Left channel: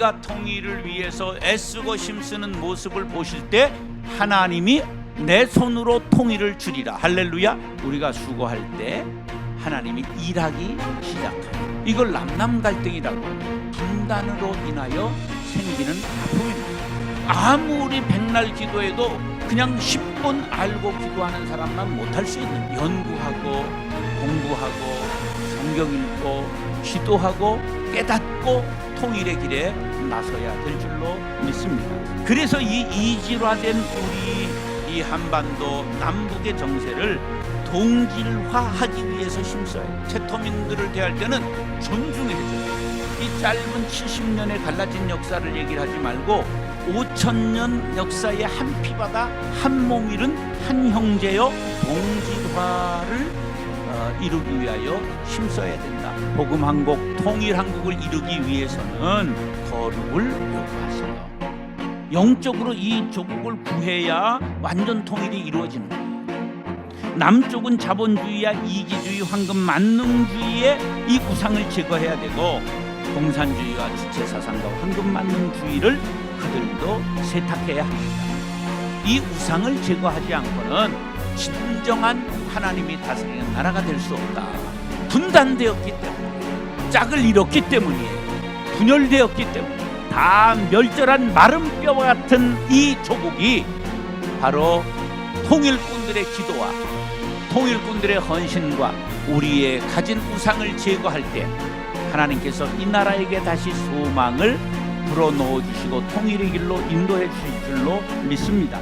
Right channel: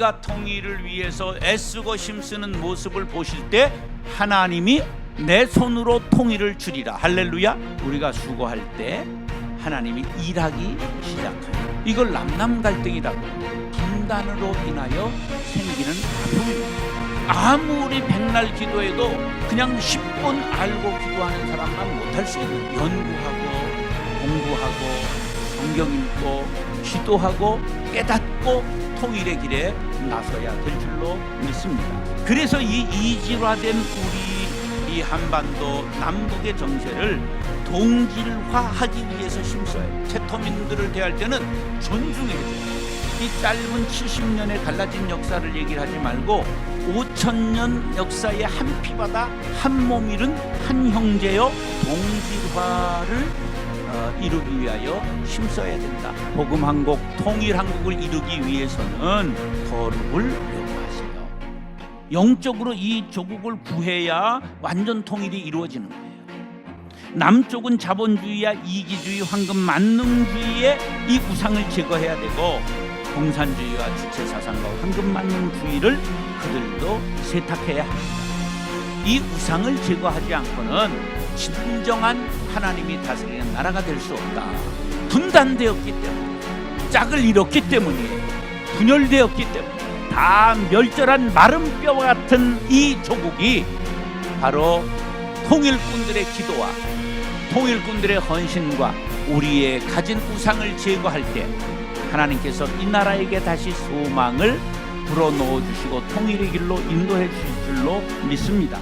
나라 통일을 위해서 애쓰고 힘쓰는 모습을 보실 때 하나님이 내 손으로 통일을 주리라. 할렐루야. 우리가 수고할 때 하나님이 일하기 시작하는 이걸 남남 갈등이라고 분단으로 인하여 생기는 아픔입니다. 아무리 백날 기도해도 그냥 10분 알고 기도하는 사람만 못할 수 있는 연구하고 공부하고 성경 읽고 기도하고 깨닫고 통일의 길에 나서야 될 줄로 믿습니다. 그래서 이 이질화된 우리 이 한반도 남북의 정세를 동질화하기 위해서 해요. 채토민들을 대할 때는 존중해줘요. 이 짧은 70년의 갈라진 역사를 얘기를 하지 말고 5천년 역사의 한 피바다 한 몸 잃은 한 형제여 동질화를 어, 이루기 위하여 힘써야 된다. 복음 한국 통일 한국을 이루기 위해서는 거룩을 요구하세요. 영적으로 이 조국을 구해야 완전 통일이 이루어지는 거예요. 남쪽은 자본주의야 이기주의, 황금 만능주의의 이 우상을 제거해야 되고 공산주의와 주체 사상과 황금 만능주의를 그들도 세탁해야 합니다. 이 우상을 제거하지 않고는 진정한 하나님이 다스리는 나라가 될 수 없다. 분단되었기 때문에 짝을 잃었기 때문이에요. 분열되었기 때문에 다 멸절한 마른 뼈와 같은 이 조국이 바로 통일꾼들의 기도와 통일꾼들의 헌신과 우리의 가진 우상을 제거할 때 하나님께서 이 나라에게 다시 소망을 불어넣어 주시고 통일의 길로 인도해 주실 줄로 믿습니다.